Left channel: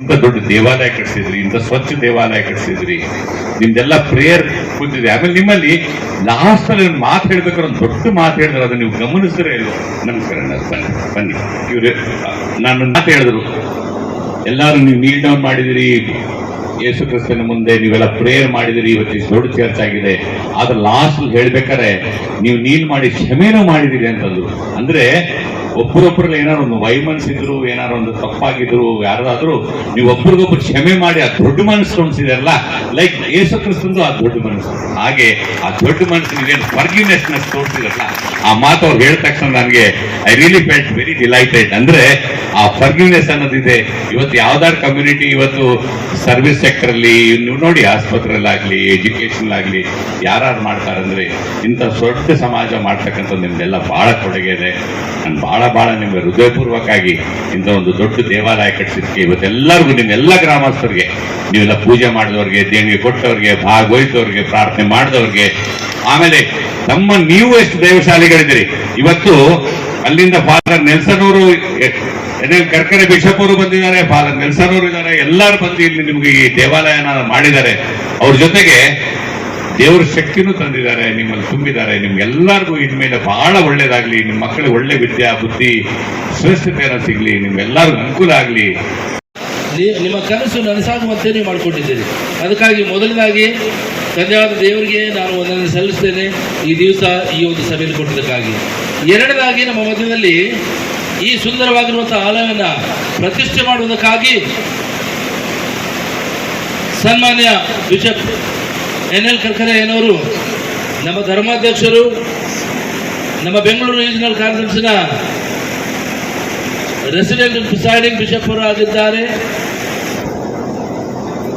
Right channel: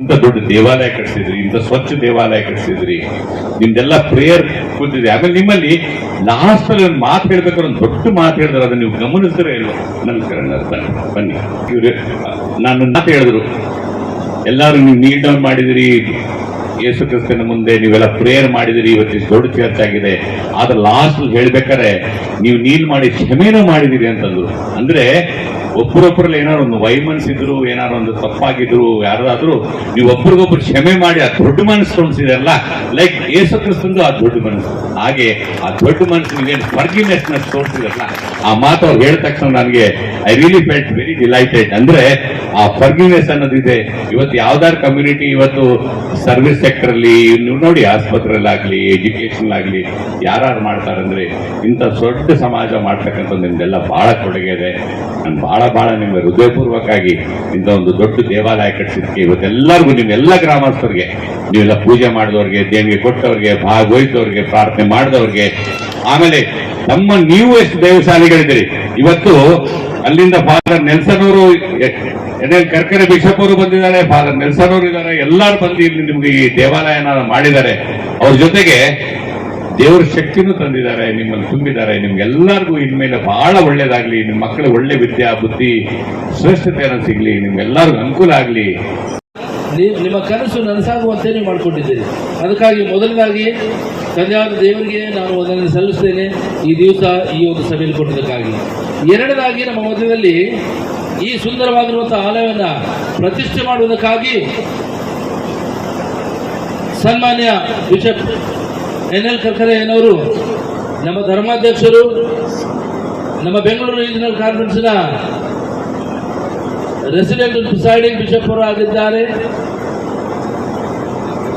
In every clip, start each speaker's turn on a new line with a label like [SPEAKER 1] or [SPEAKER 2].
[SPEAKER 1] ಇಂಥ ದೊಡ್ಡ ದೇವಾಲಯ ಕಟ್ಸಿದ್ರಿ, ಇಂಥ ಸ್ವಚ್ಛ ದೇವಾಲಯ ಕಟ್ಟಿಸಿದ್ರಿ ನಿಮ್ದೆಲ್ಲ ಪ್ರೇಯರ್ ಕೂತಿದೆ. ಆಮೇಲೆ ನಿಮ್ಮಲ್ಲಿ ಲಾಸ್ಟ್ ಅಲ್ಲಿ ಒಂದು ಮಾತು ಹೇಳ್ಬೇಕಾದ್ರೆ ಒಂದು ದೊಡ್ಡ ಮಾತು ಹೇಳಿದ್ರೆ ಅದನ್ನ ನೀವು ಗಮನಿಸಿದ್ರೆ ಇಲ್ವೋ? ನಮಸ್ಕಾರ ಬನ್ನಿ ಬನ್ನಿ. ಇವ್ರು ನಾನು ಮಾತು ಹೇಳಿದ್ರು. ಎಲ್ಲರೂ ನೀವು ನೀಡ್ ಡೌನ್ ಮಾಡಿದಿರಿ ಯೇಸು ಕ್ರಿಸ್ತನ ಮುಂದೆ ನೀವೆಲ್ಲ ಪ್ರೇಯರ್ ಮಾಡಿದಿರಿ ಇವತ್ತು ದೊಡ್ಡ ಚರ್ಚ್ ಆಗಿದೆ. ಆದ್ರೆ ಲಾಸ್ಟ್ ಹೇಳ್ಬೇಕಾರೆ ನೀವು ನೀನ್ ಮಾಡಿ ಕ್ಷಮೆನೂ ಮಾಡಿದಿರಿ ಅಂತಂದ್ರು. ಅಂದ್ರೆ ಒಬ್ಬರೊಬ್ಬರಲ್ಲಿ ಏನಾರು ಒಂದು ವೈಮನ್ಸಿದ್ರು ಏನಾರು ಒಂದು ತಪ್ಪಾಗಿದ್ರು, ಯಾರಾದ್ರೂ ನೀವು ಒಬ್ರಿಗೊಬ್ರು ಕ್ಷಮೆ ಮಾಡಿ ಆ ದೊಡ್ಡ ಮನಸ್ಸು ತೋರಿಸಿದಾರಲ್ಲ ಲೈಕ್ ಯೇಸು ಕ್ರಿಸ್ತಂದು ಆ ದೊಡ್ಡ ಮನಸ್ಸು. ಹಾಗೆ ಆ ದೊಡ್ಡ ಮನಸ್ಸು ನೀವೇನು ಫರ್ಗಿನೆಸ್ ತೋರಿಸಿದಾರಲ್ಲ, ಆ ಮಾತು ಅವ್ರು ಹೇಳಿದ ತಕ್ಷಣ ನನಗೆ I really felt very delighted ಅಂದ್ರೆ ಆ ಫರ್ಗಿನೆಸ್ ಅನ್ನೋದಿದೆ. ಇವತ್ತು ಯಾವ್ದಾರು ಕಮ್ಯುನಿಟಿ ಇವತ್ತು ಸರ್ವಿಸ್ ಸೆಕ್ಟರ್ ಅಲ್ಲಿ ನೀವು ನೋಡಿ ಆಸ್ಪತ್ರೆಯಲ್ಲಾಗ್ಲಿ ಎಜುಕೇಶನ್ ಆಗಲಿ ಯಾರು ಮಾಡ್ತಾರಂದ್ರೆ ಇಂಥ ದೊಡ್ಡ ಸಮಾಜ ಮಾಡ್ತಕ್ಕಂಥ ನಿಮ್ದೆಲ್ಲ ಬಹಳ ಕೊಡುಗೆ ಇದೆ. ನಾನು ಬಹಳ ಬಹಳ ನಿಮ್ಗೆ ಹೃದಯಪೂರ್ವಕವಾಗಿ ಇಂಥ ಒಂದು ದೊಡ್ಡ ದೇವಾಲಯ ಕಟ್ಟಿಸಿದ್ಕೆ ಇವತ್ತೆಲ್ಲರಿಗೂ ನಿಮ್ಮೆಲ್ಲ ಗ್ರಾಮಸ್ಥರಿಗೆ, ನೀವೆಲ್ಲ ಪೂಜೆ ಮಾಡಿದವ್ರಿಗೆ, ದೇಣಿಗೆ ಕೊಟ್ಟವ್ರಿಗೆ, ಭಾಗವಹಿಸಿದವ್ರಿಗೆ, ಪ್ರಾರ್ಥನೆ ಮಾಡಿದವ್ರಿಗೆ, ಆಮೇಲೆ ನಮ್ಮ ನೀವು ಎಷ್ಟು ದೈವಶಾಲಿಗಳಿದ್ದೀರಿ? ಇವತ್ತು ಅಲ್ಲಿಂದ ಫಾದರ್ ನೆಲ್ಸನ್ ಅವರು ಎನ್ ಕರ್ಕರೆ ಬಿಷಪ್ ಅವರು ಬಂದಿದ್ದಾರೆ, ಫಾದರ್ ನೆಲ್ಸನ್ ಅವರು ಇದ್ದಾರೆ, ಎಲ್ಲಾರು ಬಂದು ಇಲ್ಲಿ ನಿಮ್ಗೆ ಈ ದೇವಾಲಯನ ಮಾಡಿದ್ದಾರೆ. ಅವ್ರ ಜೊತೆಗೆ ದೇವರ ಶಕ್ತಿನೂ ತಂದಿದ್ದಾರೆ, ನಿಮ್ಮಲ್ಲಿ ತುಂಬಿದ್ದಾರೆ. ನಿಮ್ಗೆಲ್ಲರಿಗೂ ಇನ್ಮೇಲೆ ಬಹಳ ಒಳ್ಳೇದಾಗ್ಲಿ ನಿಮ್ಮ ಮಕ್ಕಳಿಗೆ ಒಳ್ಳೆ ವಿದ್ಯಾ, ಬುದ್ಧಿ, ಶ್ರೇಷ್ಠತೆಯನ್ನು ಸಿಗ್ಲಿ ನಿಮ್ಗೆಲ್ಲರಿಗೂ ಅನುಕೂಲ ಆಗ್ಲಿ.
[SPEAKER 2] ನಿಮ್ಮ ಕನಸು ನನಸಾಗುವಂತೆ ನೀವು ಮಾಡಿಕೊಂಡಿದ್ದೀರಿ. ಅದಕ್ಕಾಗಿ ಮೊದಲನೇದಾಗಿ ತಂದೆಯಾದ ದೇವರಿಗೆ ನಾನು ಒಂದನ್ನು ಸಲ್ಲಿಸ್ತೇನೆ. ಈ ದಿವಸ ಈ ಒಂದು ಸಭೆಯಲ್ಲಿ ಕೊಟ್ಟಿದ್ದಕ್ಕಾಗಿ. ಎರಡನೇದಾಗಿ, ನಮ್ಮ ಮಧ್ಯದಲ್ಲಿ ಈ ಸುಂದರವಾಗಿರುವಂತಹ ಆಲಯವನ್ನು ಪ್ರತಿಷ್ಠೆ ಮಾಡುವುದಕ್ಕಾಗಿ ಸನ್ಮಾನ್ಯ ಬಿಷಪ್ ಎನ್ ಎಲ್ ಕರ್ಕರೆಯನವರು, ನಮ್ಮ ಧರ್ಮಾಧ್ಯಕ್ಷರು, ನಮ್ಮ ಬೆಂಗಳೂರು ರೀಜನಲ್ ಕಾನ್ಫರೆನ್ಸಿನ ರೆಸಿಡೆಂಟ್ ಪ್ರಿಸೈಡಿಂಗ್ ಬಿಷಪ್ ಅವರು ಆಗಿದ್ದಾರೆ.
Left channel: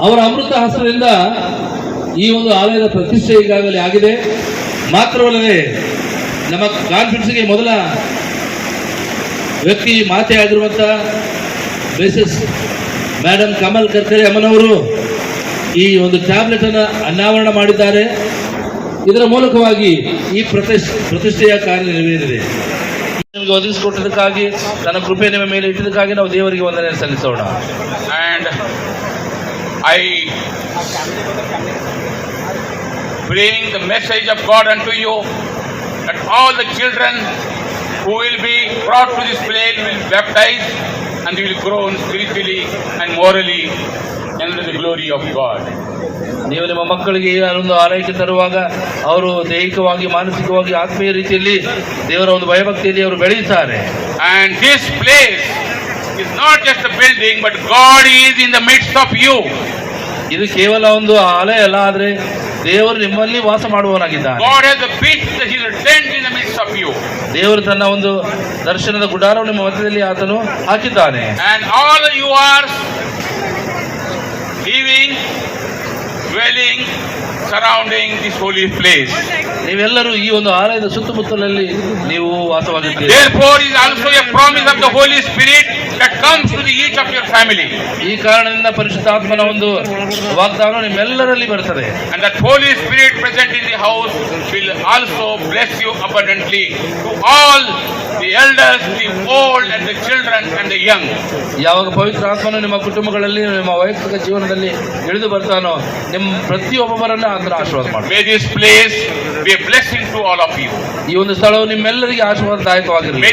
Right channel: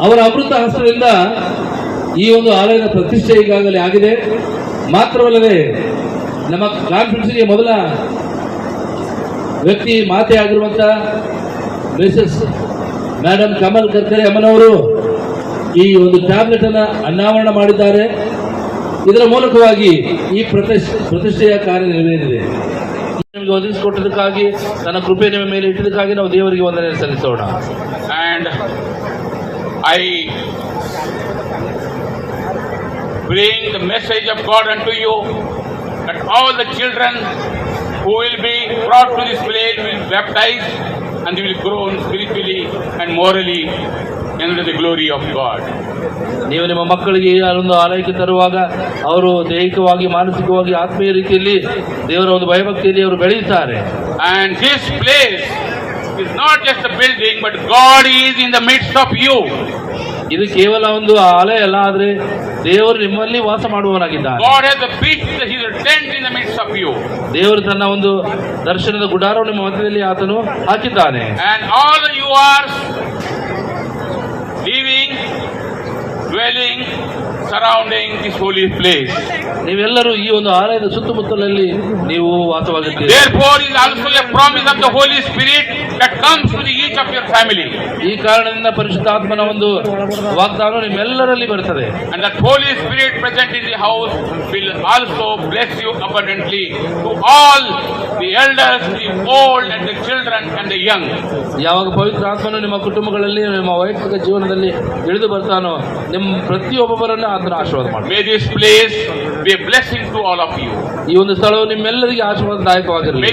[SPEAKER 2] ಅವರ ಅಮೃತ ಹಸ್ತದಿಂದ ಈ ಒಂದು ಆಲಯದ ಪ್ರತಿಷ್ಠೆ ಈಗಾಗಲೇ ಆಗಿದೆ. ಮಾತ್ರವಲ್ಲದೆ ನಮ್ಮ ಕಾನ್ಫರೆನ್ಸ್ಗೆ ಮೊದಲ ವ್ಯಕ್ತಿ ಮಾತೆ ಆಗಿರುವಂಥ ಮಿಸಸ್ ಮೇಡಮ್ ಕಮಲ್ ಕರ್ಕರೆ ಅಮ್ಮನವರು ಈ ಒಂದು ಟ್ಯಾಬ್ಲೆಟ್ ಅನ್ನು ಅನಾವರಣ ಮಾಡಿದ್ದಾರೆ. ಇದರ ಮೂಲಕವಾಗಿ ಈ ಪ್ರತಿಷ್, ಪ್ರತಿಷ್ಠೆಯ ಕಾರ್ಯ ನೆರವೇರಿದೆ. ನಿಮಗೆ ಒದಗಿಸಿಕೊಟ್ಟದಕ್ಕಾಗಿ ತನ್ನ ಕೃಪೆ ನಿಮ್ಮ ಮೇಲೆ ಇಟ್ಟಿದ್ದಕ್ಕಾಗಿ ನಾವು ದೇವರಿಗೆ ವಂದನೆ ಸಲ್ಲಿಸೋಣ.
[SPEAKER 3] And I bring the message of God unto you that all the children who will be brought to this place will be baptized and will grow spiritually and morally under the glory of God.
[SPEAKER 2] ನೀವು ನಿಮ್ಮ ಮಕ್ಕಳಿಗೆ ಅದೊಂದು ಆರೈಕೆ ತರುವಾಗ ಅವರು ದೈಹಿಕವಾಗಿ ಮಾನಸಿಕವಾಗಿ ಆತ್ಮೀಯ ರೀತಿಯಲ್ಲಿ ದೇವರ ಒಂದು ಭಯಭಕ್ತಿಯಲ್ಲಿ ಅವರು ಬೆಳೆಯುತ್ತಾರೆ
[SPEAKER 3] and this place is not just building but God is in the midst of you you.
[SPEAKER 2] ಇದು ಕೇವಲ ಒಂದು ಆಲಯ ಅಲ್ಲ ಆದ್ರೆ ದೇವರು ನಿಮ್ಮಲ್ಲಿ ವಾಸ
[SPEAKER 3] ಮಾಡುವವರಾಗಿದ್ದಾನೆ
[SPEAKER 2] ದೇವರು ತನ್ನ ಒಂದು ದರ್ಶನದ ಗುಡಾರು ನಿಮ್ಮ ಮಧ್ಯದಲ್ಲಿ ಆತನು ಹಾಕಿದ್ದಾನೆ.
[SPEAKER 3] You are living dwelling surrounding this holy place
[SPEAKER 2] ನೀವೆಲ್ಲರೂ ಈ ಒಂದು ಆಲಯದ ಸುತ್ತಮುತ್ತಲಲ್ಲಿ ನೀವು ವಾಸವಾಗಿದ್ದೀರಿ.
[SPEAKER 3] Spirit that comes the each of your family.
[SPEAKER 2] ಈ ಕಾರಣದಿಂದ ಪರಿಶುದ್ಧಾತ್ಮನ ಒಂದು ವಾಗ್ದಾನ ನಿಮ್ಮೆಲ್ಲರಲ್ಲಿ barutade
[SPEAKER 3] And that Holy Spirit present in the house will also bless you abundantly to all the elders, the old and the children and the young.
[SPEAKER 2] ಯಾವಾಗ ಪವಿತ್ರ ಆತ್ಮನು ನಿಮ್ಮ ಕುಟುಂಬಗಳಲ್ಲಿ ನಿಮ್ಮ ವೈಯಕ್ತಿಕ ಜೀವನದಲ್ಲಿ ಇಳಿದು ಬರ್ತಾನೋ ನಿಮ್ಮ ಪ್ರತಿಯೊಬ್ಬೊಬ್ಬರನ್ನ ಆತನ ಆಶೀರ್ವಾದ ಮಾಡಿ
[SPEAKER 3] May this place be a blessing to all of you.
[SPEAKER 2] ಈ ಒಂದು ಸ್ಥಳವು ನಿಮ್ಮೆಲ್ಲರಿಗೆ ಆಶೀರ್ವಾದದಾಯಕವಾಗಿರಲಿ